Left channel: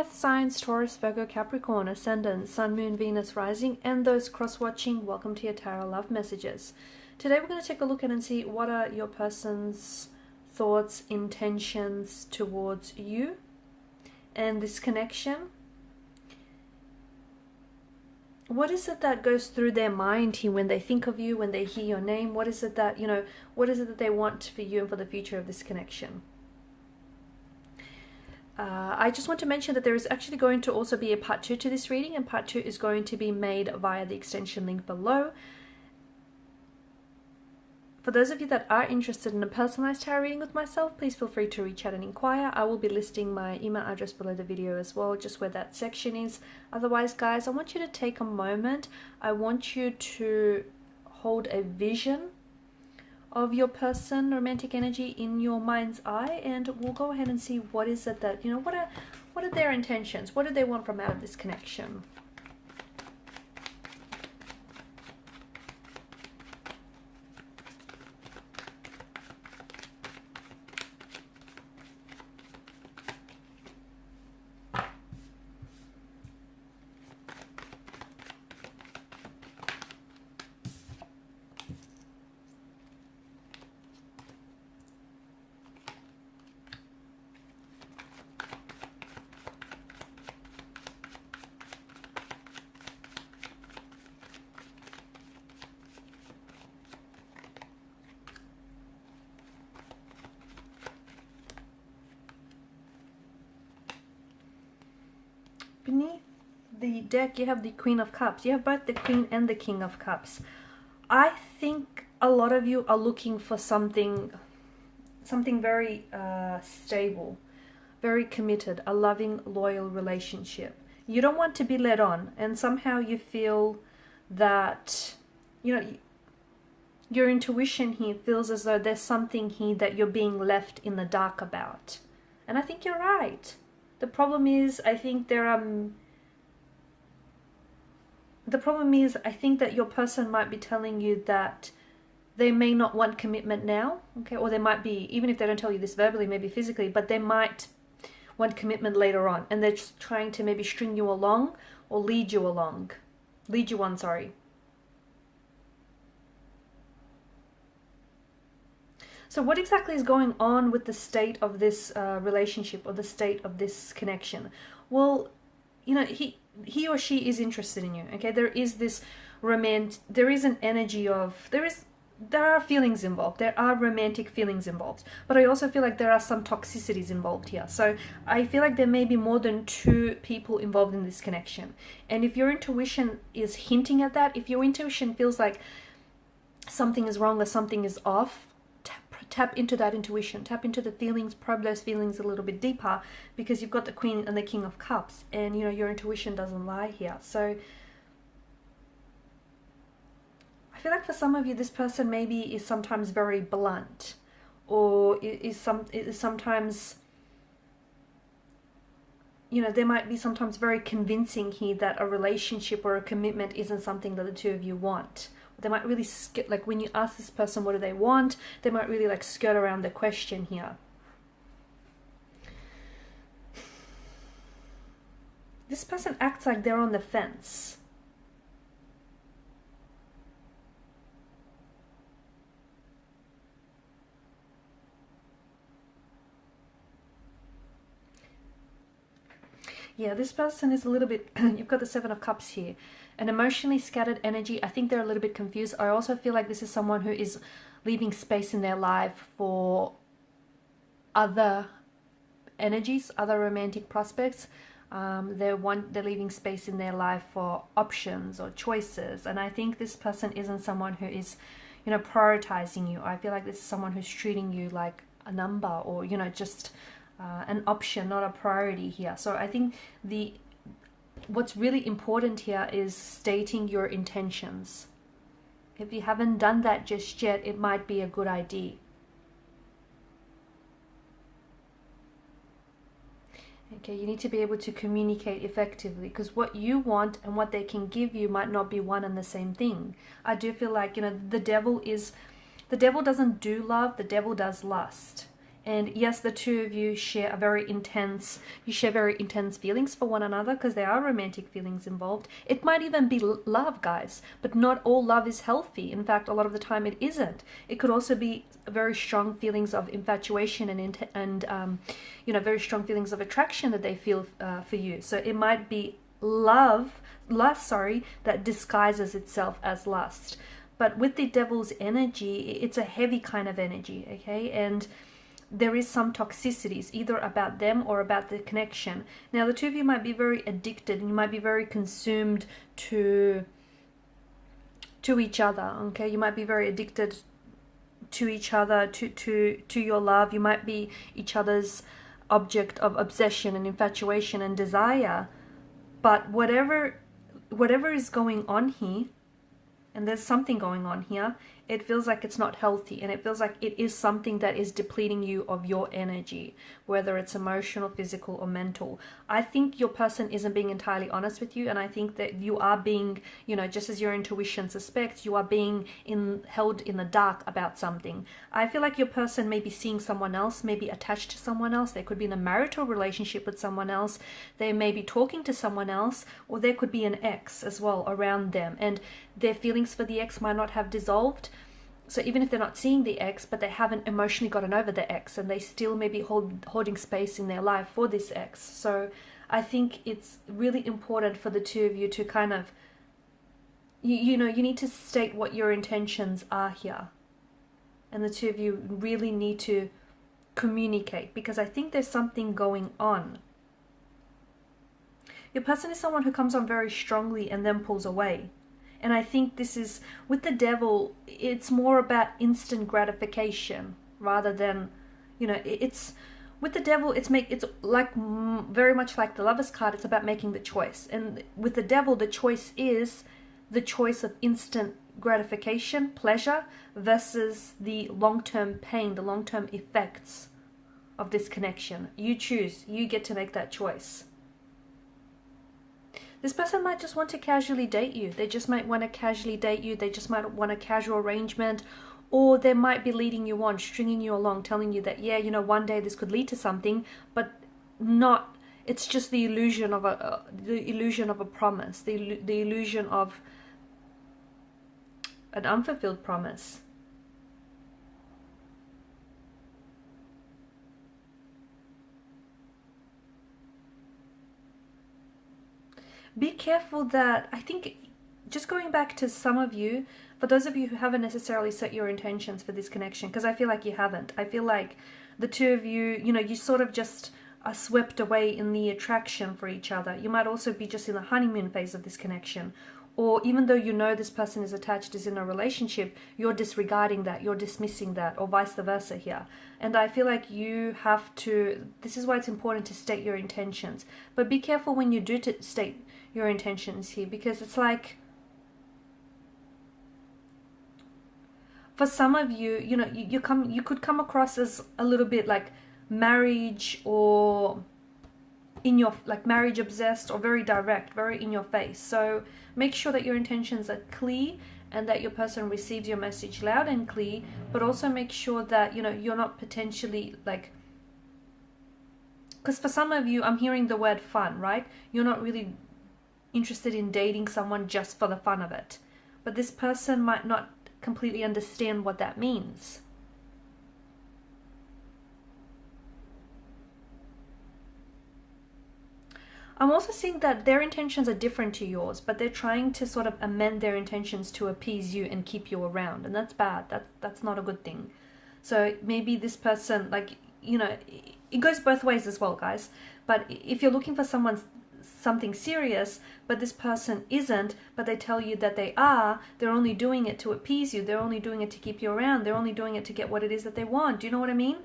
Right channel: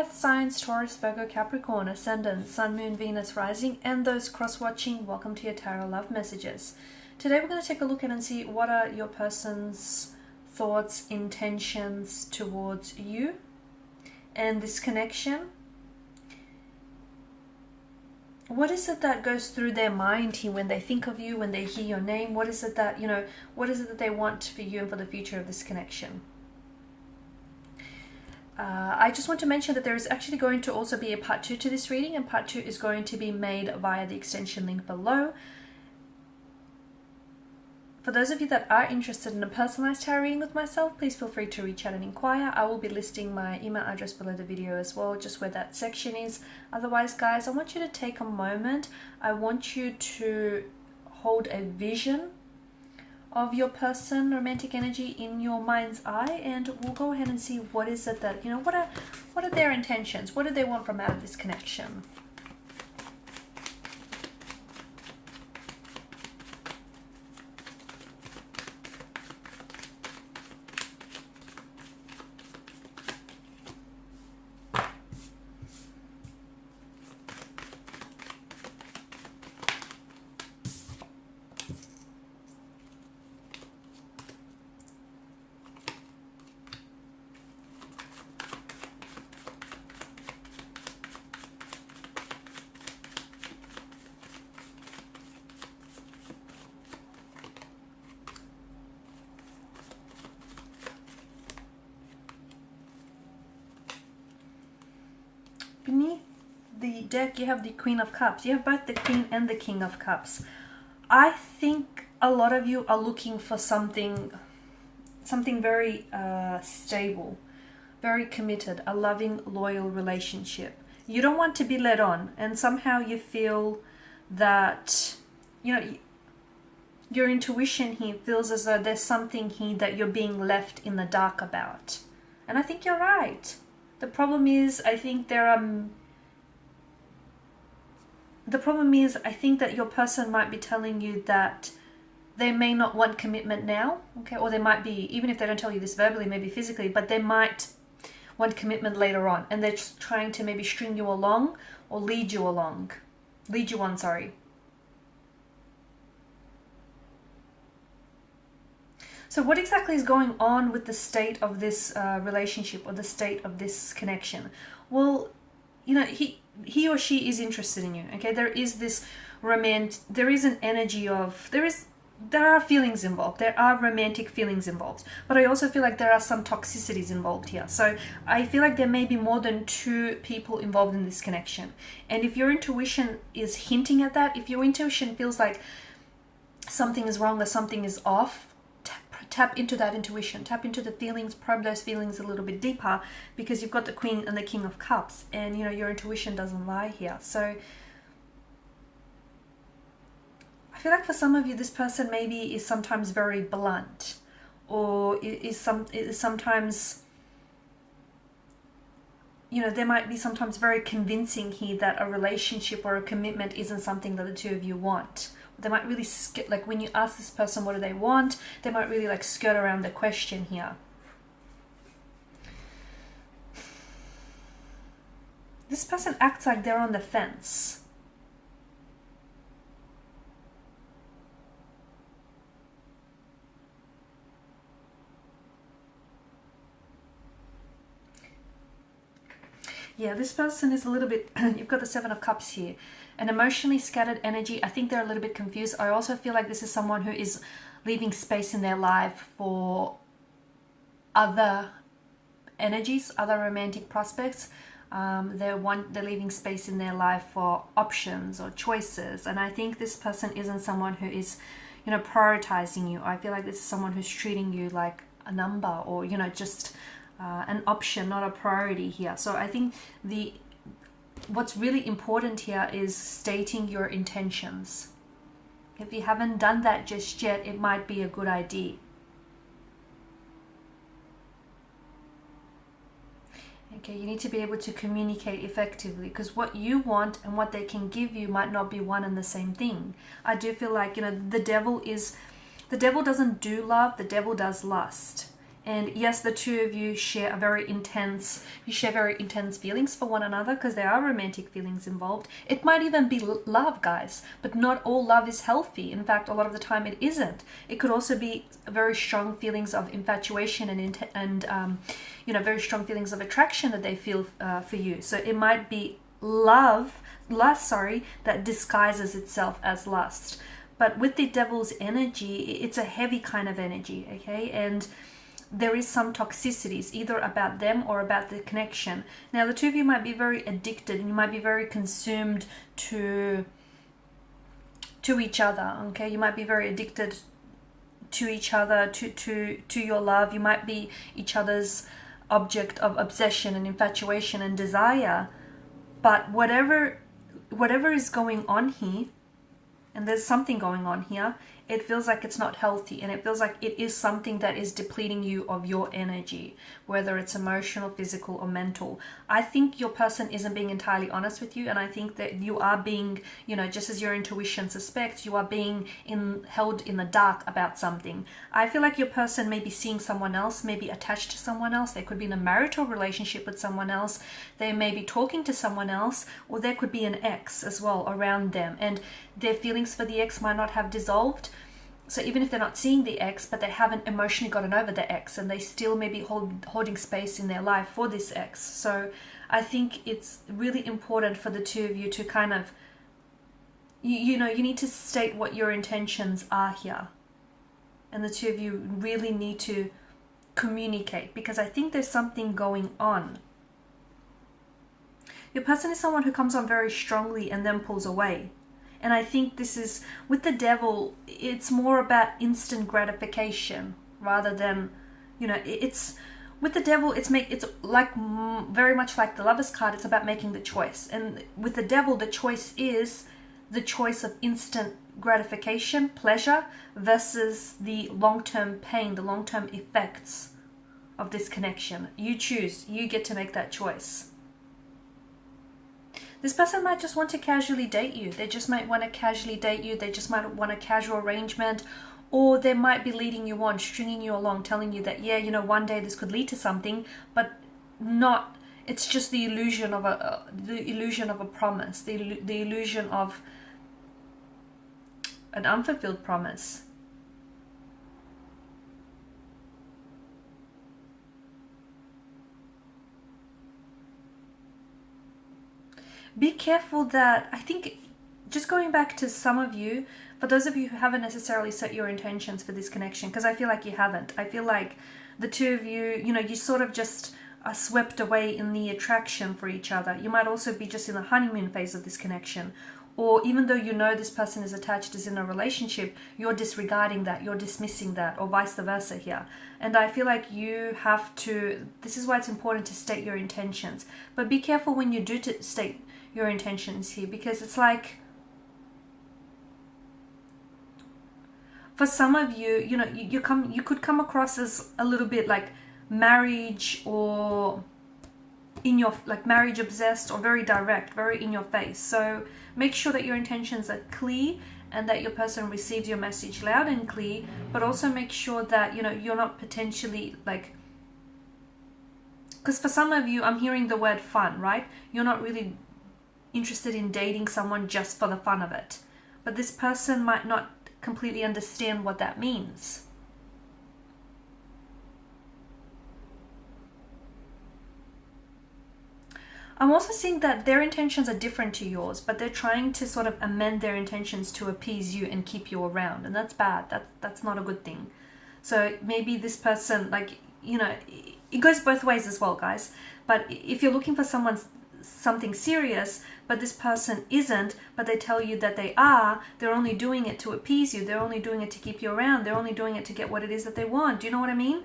Earth signs Taurus, Virgo, Capricorn, Ascendant, Sun, Moon, Venus, Rising, and those cross-watching, welcome to your Tarot Love Messages. Today we're going to take a look at and see what are your person's thoughts, intentions towards you and this connection. What is it that goes through their mind here when they think of you, when they hear your name? What is it that, what is it that they want for you and for the future of this connection? I just want to mention that there is actually going to also be a part 2 to this reading, and part 2 is going to be made via the extension link below. For those of you that are interested in a personalized tarot reading with myself, please feel free to reach out and inquire. I will be listing my email address below the video as well, just where that section is. Otherwise, guys, I want you to take a moment. I want you to hold a vision of your person, romantic energy, in your mind's eye, and we'll go ahead and see what is it that, what are their intentions? What do they want from out of this connection? Beneath the deck, you have the Queen of Cups. You have both the Queen and the King of Cups. I think a lot of you are looking for something very stable, very committed, a loving, loyal relationship. You don't want to be led on, and somehow you feel that, your intuition here feels as though there's something here that you're being left in the dark about. And I think you're right. The problem is, I think that your person might be telling you that they may not want commitment now, okay? Or they might be, even if they don't tell you this verbally, maybe physically, but they might want commitment later on, and they're just trying to maybe string you along or lead you on, sorry. So what exactly is going on with the state of this relationship, or the state of this connection? Well, he or she is interested in you, okay? There is this there is an energy of, there are feelings involved. There are romantic feelings involved. But I also feel like there are some toxicities involved here. So I feel like there may be more than 2 people involved in this connection. And if your intuition is hinting at that, if your intuition feels like something is wrong or something is off, tap into that intuition, tap into the feelings, probe those feelings a little bit deeper, because you've got the Queen and the King of Cups, and your intuition doesn't lie here. So I feel like for some of you, this person maybe is sometimes very blunt, or is sometimes, there might be sometimes very convincing here that a relationship or a commitment isn't something that the 2 of you want. They might really like when you ask this person what do they want, they might really like skirt around the question here. This person acts like they're on the fence. Yeah, this person is a little bit, you've got the 7 of Cups here. An emotionally scattered energy. I think they're a little bit confused. I also feel like this is someone who is leaving space in their life for other energies, other romantic prospects. They're leaving space in their life for options or choices. And I think this person isn't someone who is, prioritizing you. I feel like this is someone who's treating you like a number, or, just an option, not a priority here. So I think what's really important here is stating your intentions. If you haven't done that just yet, it might be a good idea. Okay, you need to be able to communicate effectively, because what you want and what they can give you might not be one and the same thing. I do feel like, the devil doesn't do love, the devil does lust. And yes, the two of you share very intense feelings for one another, because there are romantic feelings involved. It might even be love, guys, but not all love is healthy. In fact, a lot of the time it isn't. It could also be very strong feelings of infatuation and very strong feelings of attraction that they feel for you. So it might be lust, that disguises itself as lust. But with the devil's energy, it's a heavy kind of energy, okay? And there is some toxicities, either about them or about the connection. Now, the two of you might be very addicted, and you might be very consumed to each other, okay? You might be very addicted to each other, to your love. You might be each other's object of obsession and infatuation and desire. But whatever is going on here, and there's something going on here, it feels like it's not healthy, and it feels like it is something that is depleting you of your energy, whether it's emotional, physical, or mental. I think your person isn't being entirely honest with you, and I think that you are being, just as your intuition suspects, you are being held in the dark about something. I feel like your person may be seeing someone else, may be attached to someone else. They could be in a marital relationship with someone else. They may be talking to someone else, or there could be an ex as well around them, and their feelings for the ex might not have dissolved. So even if they're not seeing the ex, but they haven't emotionally gotten over the ex, and they still may be holding space in their life for this ex. So I think it's really important for the two of you to kind of, you need to state what your intentions are here. And the two of you really need to communicate, because I think there's something going on. Your person is someone who comes on very strongly and then pulls away. And I think this is, with the devil, it's more about instant gratification rather than, it's, with the devil, it's like very much like the Lover's card, it's about making the choice. And with the devil, the choice is the choice of instant gratification, pleasure, versus the long-term pain, the long-term effects of this connection. You choose, you get to make that choice. This person might just want to casually date you. They just might want to casually date you. They just might want a casual arrangement, or they might be leading you on, stringing you along, telling you that, one day this could lead to something, but not. It's just the illusion of a promise, the illusion of an unfulfilled promise. Be careful that, I think, just going back to some of you, for those of you who haven't necessarily set your intentions for this connection, because I feel like you haven't. I feel like the two of you, you sort of just are swept away in the attraction for each other. You might also be just in the honeymoon phase of this connection. Or even though this person is attached, is in a relationship, you're disregarding that, you're dismissing that, or vice versa here. And I feel like you have to, this is why it's important to state your intentions. But be careful when you do state your intentions here, because it's like, for some of you, you could come across as a little bit like marriage, or marriage obsessed, or very direct, very in your face. So make sure that your intentions are clear and that your person receives your message loud and clear, but also make sure that you're not potentially because for some of you, I'm hearing the word fun, right? You're not really interested in dating someone just for the fun of it, but this person might not completely understand what that means. I'm also seeing that their intentions are different to yours, but they're trying to sort of amend their intentions to appease you and keep you around, and that's bad. That's not a good thing. So maybe this person, it goes both ways as well, guys. But if you're looking for something serious, but this person isn't, but they tell you that they are, they're only doing it to appease you, they're only doing it to keep you around, they're only doing it to get what it is that they want. Do you know what I mean?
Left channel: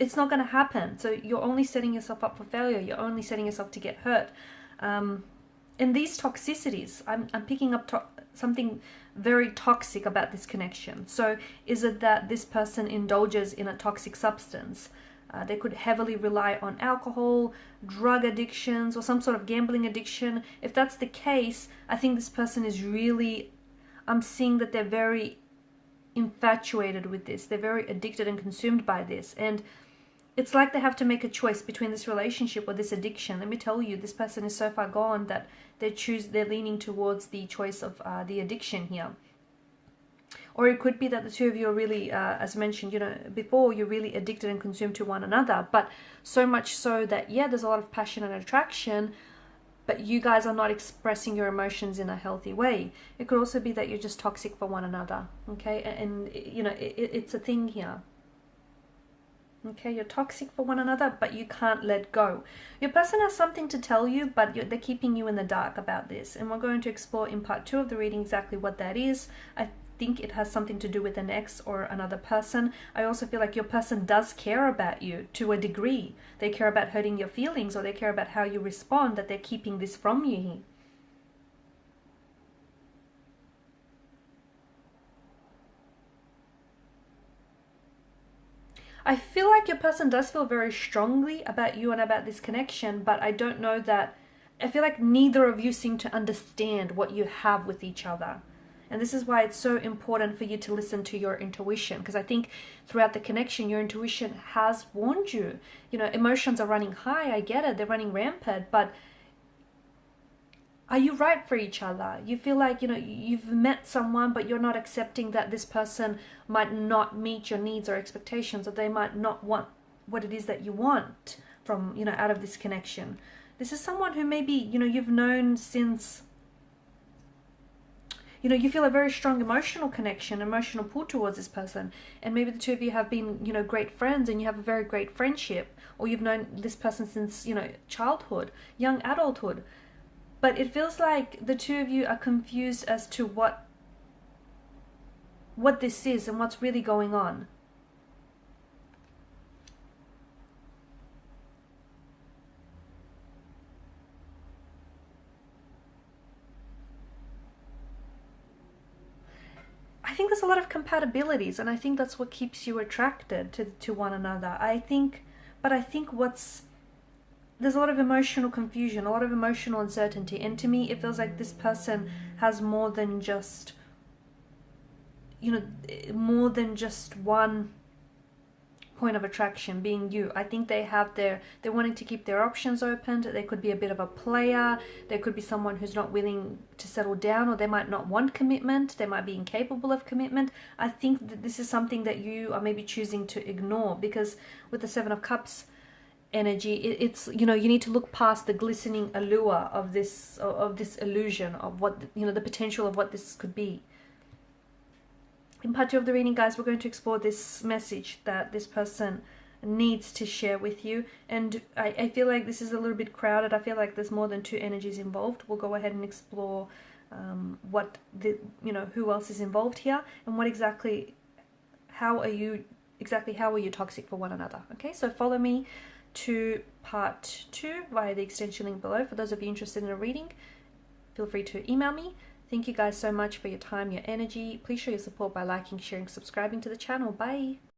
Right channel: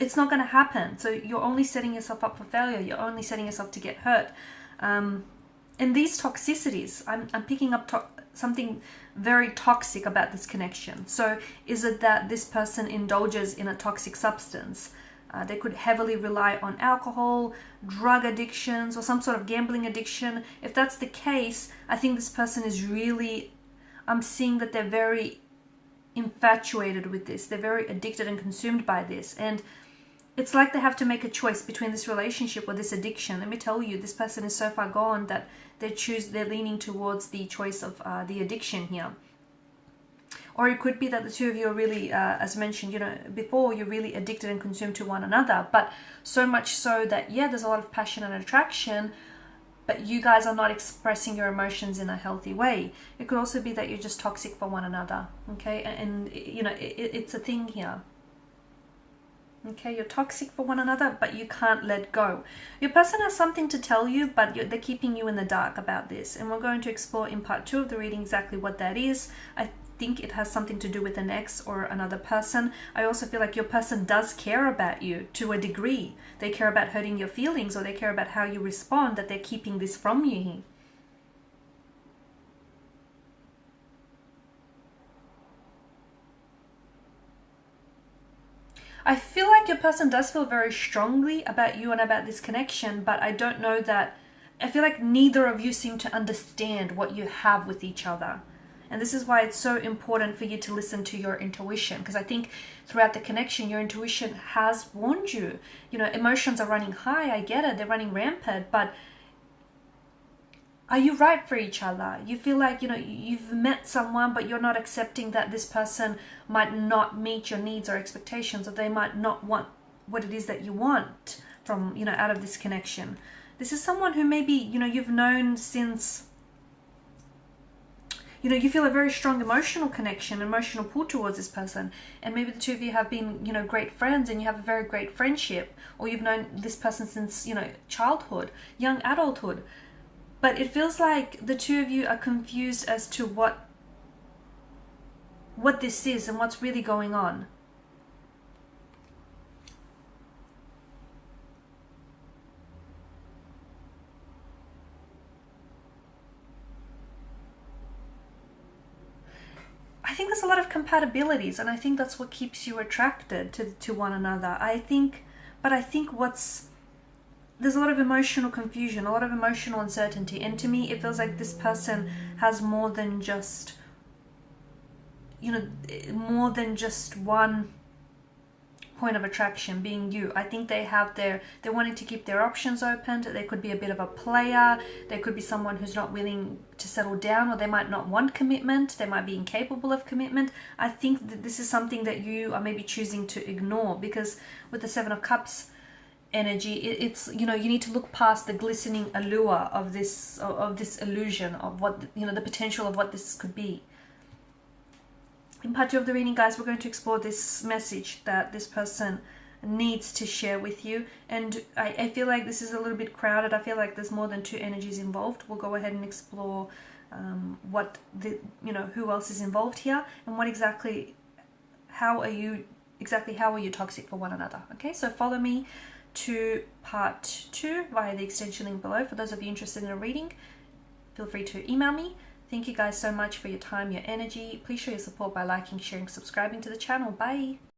It's not going to happen. So you're only setting yourself up for failure. You're only setting yourself to get hurt. And these toxicities, I'm picking up something very toxic about this connection. So is it that this person indulges in a toxic substance? They could heavily rely on alcohol, drug addictions, or some sort of gambling addiction. If that's the case, I think this person is really, I'm seeing that they're very infatuated with this. They're very addicted and consumed by this. And it's like they have to make a choice between this relationship or this addiction. Let me tell you, this person is so far gone that they're leaning towards the choice of the addiction here. Or it could be that the two of you are really, as mentioned, you know, before, you're really addicted and consumed to one another. But so much so that, yeah, there's a lot of passion and attraction, but you guys are not expressing your emotions in a healthy way. It could also be that you're just toxic for one another, okay? And you know, it's a thing here. Okay, you're toxic for one another, but you can't let go. Your person has something to tell you, but they're keeping you in the dark about this. And we're going to explore in part 2 of the reading exactly what that is. I think it has something to do with an ex or another person. I also feel like your person does care about you to a degree. They care about hurting your feelings, or they care about how you respond, that they're keeping this from you. I feel like your person does feel very strongly about you and about this connection, but I don't know that, I feel like neither of you seem to understand what you have with each other. And this is why it's so important for you to listen to your intuition, because I think throughout the connection, your intuition has warned you. You know, emotions are running high, I get it, they're running rampant, but are you right for each other? You feel like, you know, you've met someone, but you're not accepting that this person might not meet your needs or expectations, or they might not want what it is that you want from, you know, out of this connection. This is someone who maybe, you know, you've known since, you know, you feel a very strong emotional connection, emotional pull towards this person. And maybe the two of you have been, you know, great friends, and you have a very great friendship, or you've known this person since, you know, childhood, young adulthood. But it feels like the two of you are confused as to what this is and what's really going on. I think there's a lot of compatibilities, and I think that's what keeps you attracted to one another. I think there's a lot of emotional confusion, a lot of emotional uncertainty. And to me, it feels like this person has more than just, you know, more than just one point of attraction, being you. I think they're wanting to keep their options open. They could be a bit of a player. There could be someone who's not willing to settle down, or they might not want commitment. They might be incapable of commitment. I think that this is something that you are maybe choosing to ignore, because with the Seven of Cups energy, it's, you know, you need to look past the glistening allure of this illusion of what, you know, the potential of what this could be. In part 2 of the reading, guys, we're going to explore this message that this person needs to share with you. And I feel like this is a little bit crowded. I feel like there's more than 2 energies involved. We'll go ahead and explore who else is involved here, and how are you toxic for one another. Okay, so follow me to part 2 via the extension link below. For those of you interested in a reading, feel free to email me. Thank you guys so much for your time, your energy. Please show your support by liking, sharing, subscribing to the channel. Bye.